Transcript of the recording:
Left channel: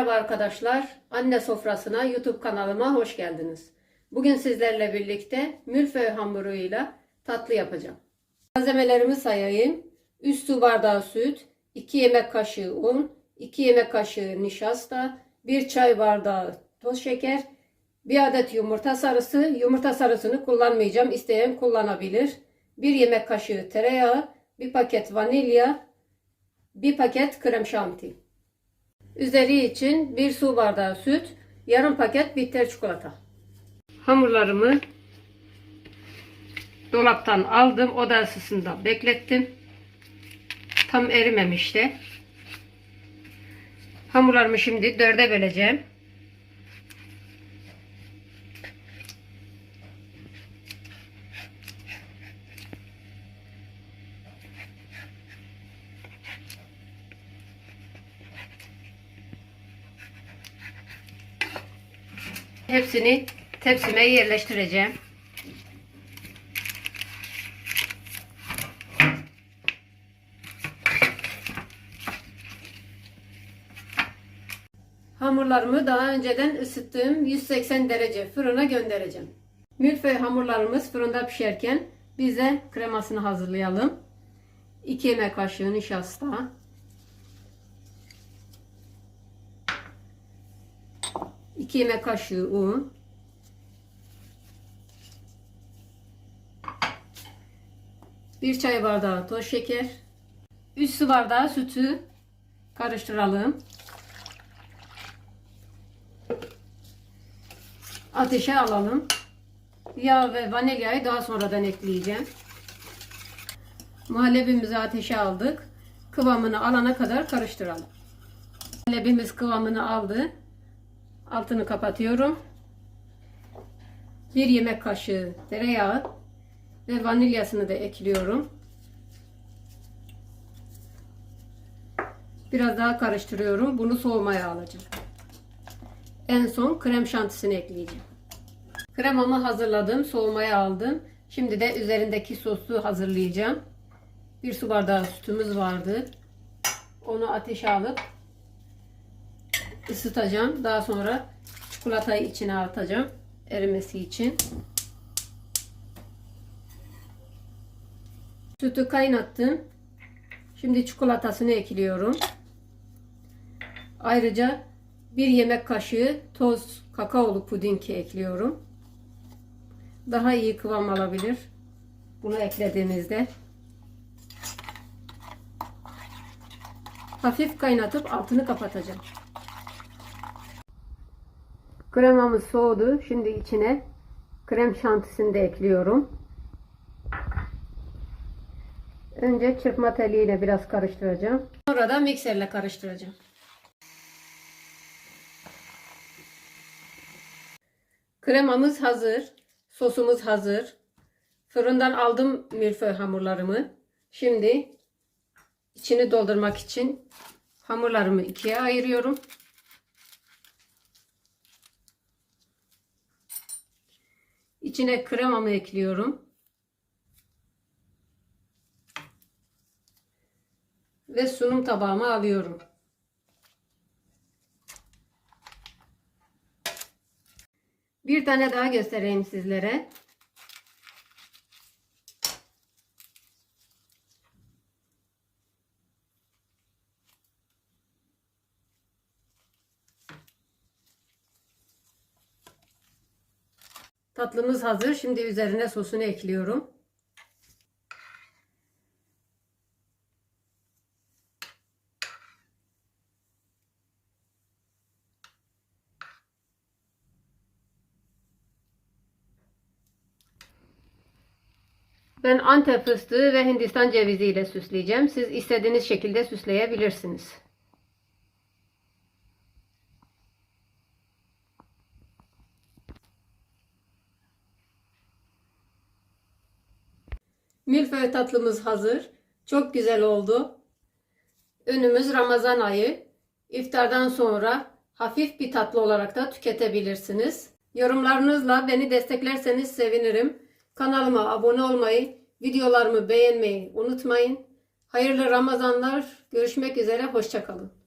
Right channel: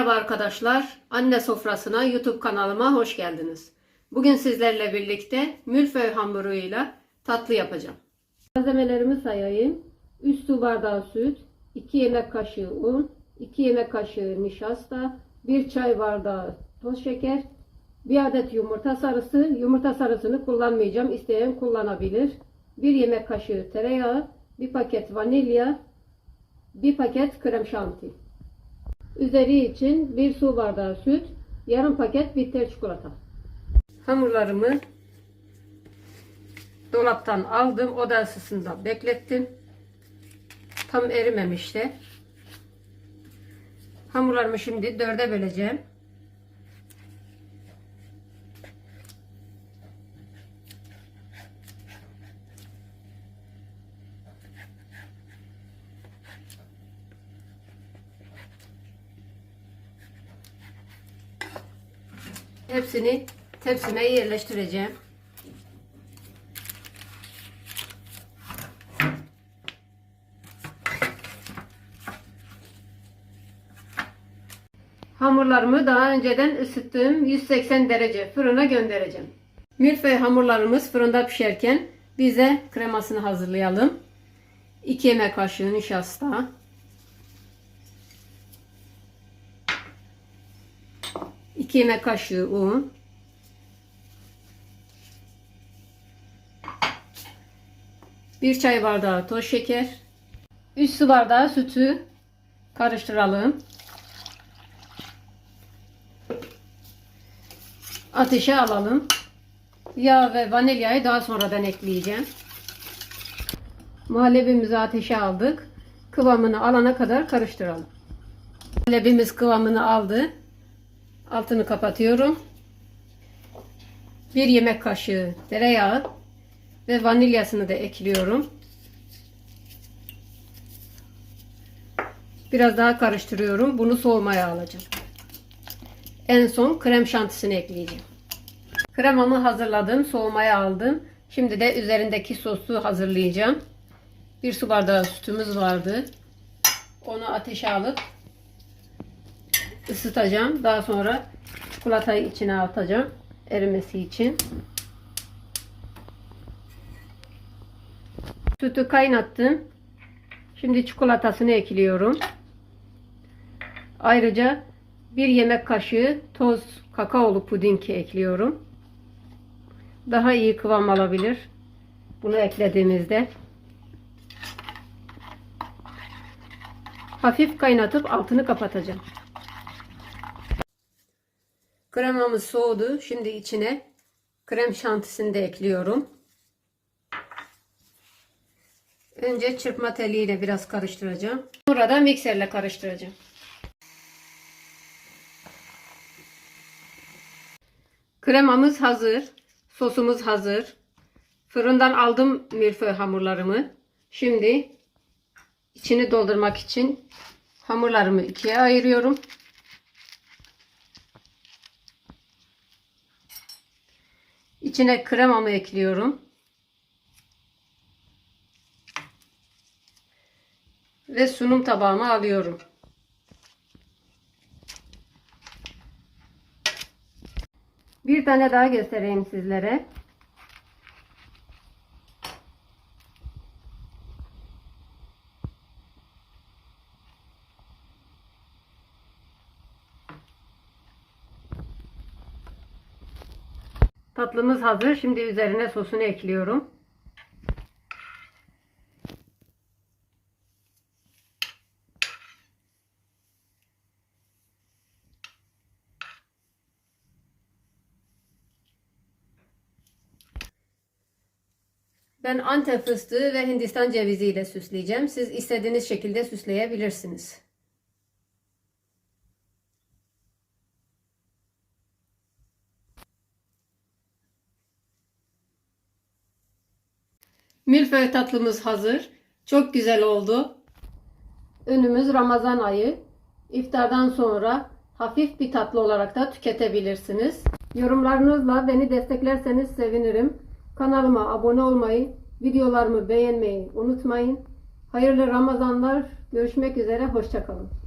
Merhaba arkadaşlar, Anne Sofrasına YouTube kanalıma hoş geldiniz. Bugün sizlerle birlikte milföy hamuruyla tatlı yapacağım. Malzemelerimi sayayım. 3 su bardağı süt, 2 yemek kaşığı un, 2 yemek kaşığı nişasta, 1 çay bardağı toz şeker, 1 adet yumurta sarısı. Yumurta sarısını kullanmayacağım. İsteyen kullanabilir. 1 yemek kaşığı tereyağı, 1 paket vanilya, 1 paket krem şanti. Üzeri için 1 su bardağı süt, yarım paket bitter çikolata. Hamurlarımı dolaptan aldım. Oda ısısında beklettim. Tam erimemişti. Hamurlarımı şimdi dörde böleceğim. Hepsini tepsime yerleştireceğim. Hamurlarımı daha önceden ısıttığım 180 derece fırına göndereceğim. Milföy hamurlarımız fırında pişerken bize kremasını hazırlayalım. 2 yemek kaşığı nişasta, 2 yemek kaşığı un, bir çay bardağı toz şeker, 3 su bardağı sütü karıştıralım. Ateşe alalım. Yağ ve vanilyayı daha sonradan ekleyeceğim. Muhallebimizi ateşe aldık. Kıvamını alana kadar karıştıralım. Muhallebimiz kıvamını aldı. Altını kapatıyorum. Bir yemek kaşığı tereyağı ve vanilyasını da ekliyorum. Biraz daha karıştırıyorum. Bunu soğumaya alacağım. En son krem şantisini ekleyeceğim. Kremamı hazırladım. Soğumaya aldım. Şimdi de üzerindeki sosu hazırlayacağım. Bir su bardağı sütümüz vardı. Onu ateşe alıp ısıtacağım. Daha sonra çikolatayı içine atacağım. Erimesi için. Sütü kaynattım. Şimdi çikolatasını ekliyorum. Ayrıca bir yemek kaşığı toz kakaolu puding ekliyorum. Daha iyi kıvam alabilir. Bunu eklediğimizde. Hafif kaynatıp altını kapatacağım. Kremamız soğudu. Şimdi içine krem şantisini de ekliyorum. Önce çırpma teliyle biraz karıştıracağım. Sonra da mikserle karıştıracağım. Kremamız hazır. Sosumuz hazır. Fırından aldım milföy hamurlarımı. Şimdi içini doldurmak için hamurlarımı ikiye ayırıyorum. İçine kremamı ekliyorum. Ve sunum tabağıma alıyorum. Bir tane daha göstereyim sizlere. Tatlımız hazır. Şimdi üzerine sosunu ekliyorum. Ben Antep fıstığı ve Hindistan cevizi ile süsleyeceğim. Siz istediğiniz şekilde süsleyebilirsiniz. Milföy tatlımız hazır. Çok güzel oldu. Önümüz Ramazan ayı. İftardan sonra hafif bir tatlı olarak da tüketebilirsiniz. Yorumlarınızla beni desteklerseniz sevinirim. Kanalıma abone olmayı, videolarımı beğenmeyi unutmayın. Hayırlı Ramazanlar. Görüşmek üzere. Hoşçakalın.